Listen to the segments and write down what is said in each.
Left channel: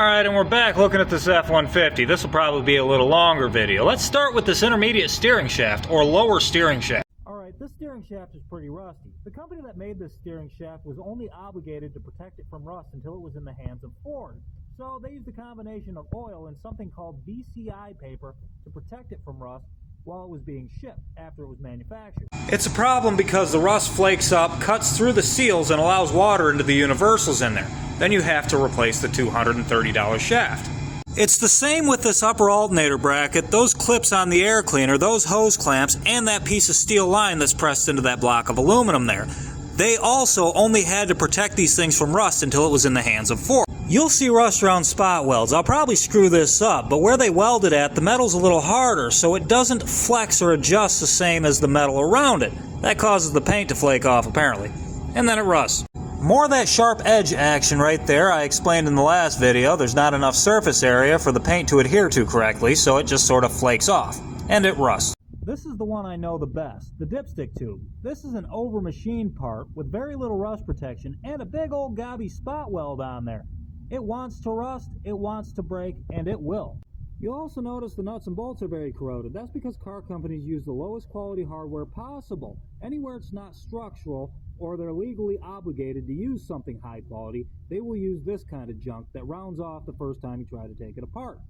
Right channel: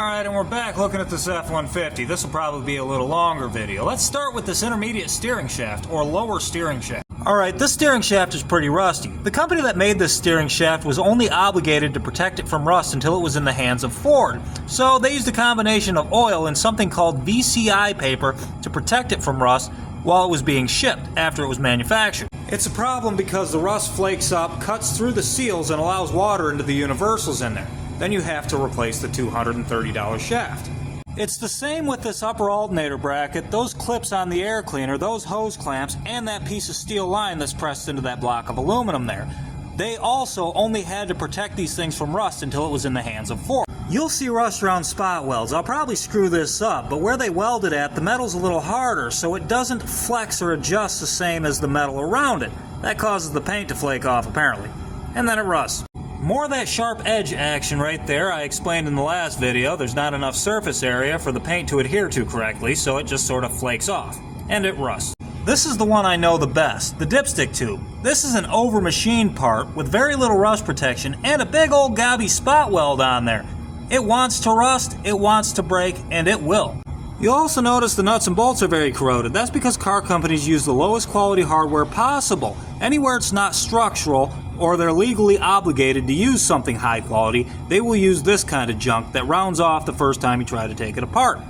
Alright, and we're back looking at this F-150. This will probably be a little longer video. Let's start with this intermediate steering shaft, or lower steering shaft. Alright, this steering shaft is pretty rusty. The company that made this steering shaft was only obligated to protect it from rust until it was in the hands of Ford. So they used a combination of oil and something called VCI paper to protect it from rust while it was being shipped after it was manufactured. It's a problem because the rust flakes up, cuts through the seals, and allows water into the universals in there. Then you have to replace the $230 shaft. It's the same with this upper alternator bracket, those clips on the air cleaner, those hose clamps, and that piece of steel line that's pressed into that block of aluminum there. They also only had to protect these things from rust until it was in the hands of Ford. You'll see rust around spot welds. I'll probably screw this up, but where they weld it at, the metal's a little harder, so it doesn't flex or adjust the same as the metal around it. That causes the paint to flake off, apparently. And then it rusts. More of that sharp edge action right there. I explained in the last video, there's not enough surface area for the paint to adhere to correctly, so it just sort of flakes off. And it rusts. This is the one I know the best, the dipstick tube. This is an over-machined part with very little rust protection and a big old gobby spot weld on there. It wants to rust, it wants to break, and it will. You'll also notice the nuts and bolts are very corroded. That's because car companies use the lowest quality hardware possible. Anywhere it's not structural, or they're legally obligated to use something high quality, they will use this kind of junk that rounds off the first time you try to take it apart.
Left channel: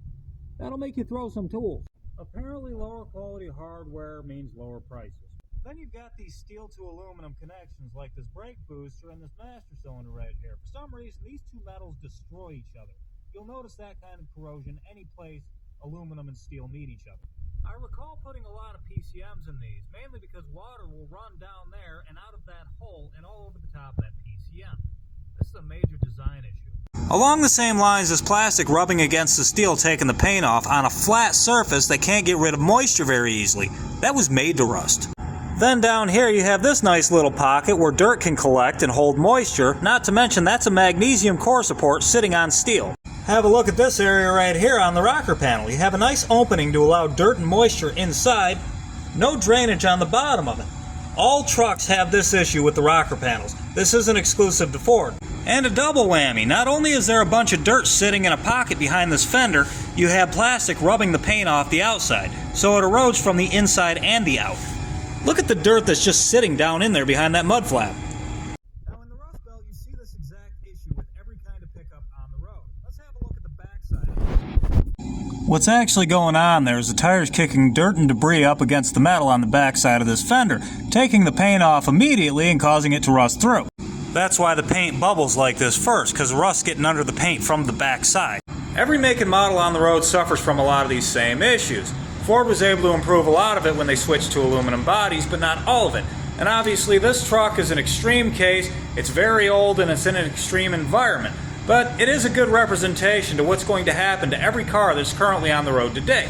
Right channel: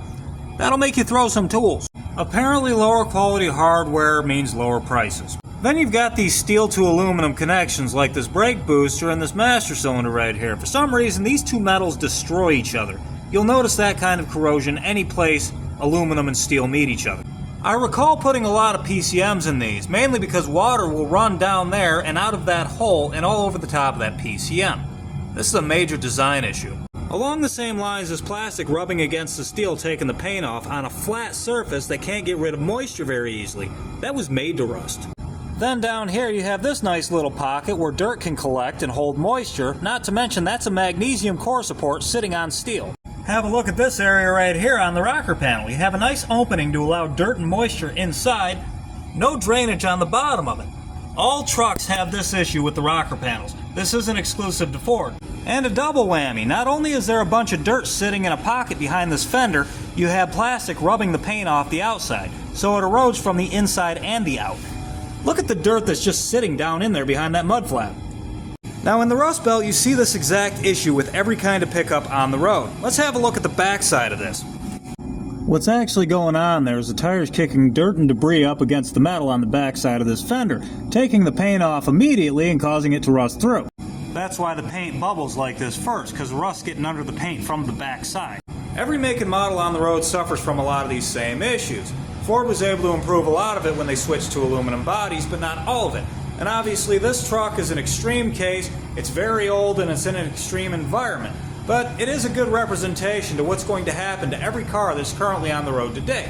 That'll make you throw some tools. Apparently lower quality hardware means lower prices. Then you've got these steel to aluminum connections like this brake booster and this master cylinder right here. For some reason these two metals destroy each other. You'll notice that kind of corrosion any place aluminum and steel meet each other. I recall putting a lot of PCMs in these, mainly because water will run down there and out of that hole and all over the top of that PCM. This is a major design issue. Along the same lines as plastic rubbing against the steel taking the paint off on a flat surface that can't get rid of moisture very easily. That was made to rust. Then down here you have this nice little pocket where dirt can collect and hold moisture, not to mention that's a magnesium core support sitting on steel. Have a look at this area right here on the rocker panel. You have a nice opening to allow dirt and moisture inside, no drainage on the bottom of it. All trucks have this issue with the rocker panels. This isn't exclusive to Ford. And a double whammy. Not only is there a bunch of dirt sitting in a pocket behind this fender, you have plastic rubbing the paint off the outside, so it erodes from the inside and the out. Look at the dirt that's just sitting down in there behind that mud flap. Now in the Rust Belt you see this exact issue with every kind of pickup on the road. Let's have a look at the back side of this. What's actually going on there is the tires kicking dirt and debris up against the metal on the back side of this fender, taking the paint off immediately and causing it to rust through. That's why the paint bubbles like this first, because rust's getting under the paint from the back side. Every make and model on the road suffers from a lot of these same issues. Ford was able to improve a lot of it when they switched to aluminum bodies, but not all of it. And obviously this truck is an extreme case, it's very old and it's in an extreme environment. But it is a good representation to what's going to happen to every car that's currently on the road today.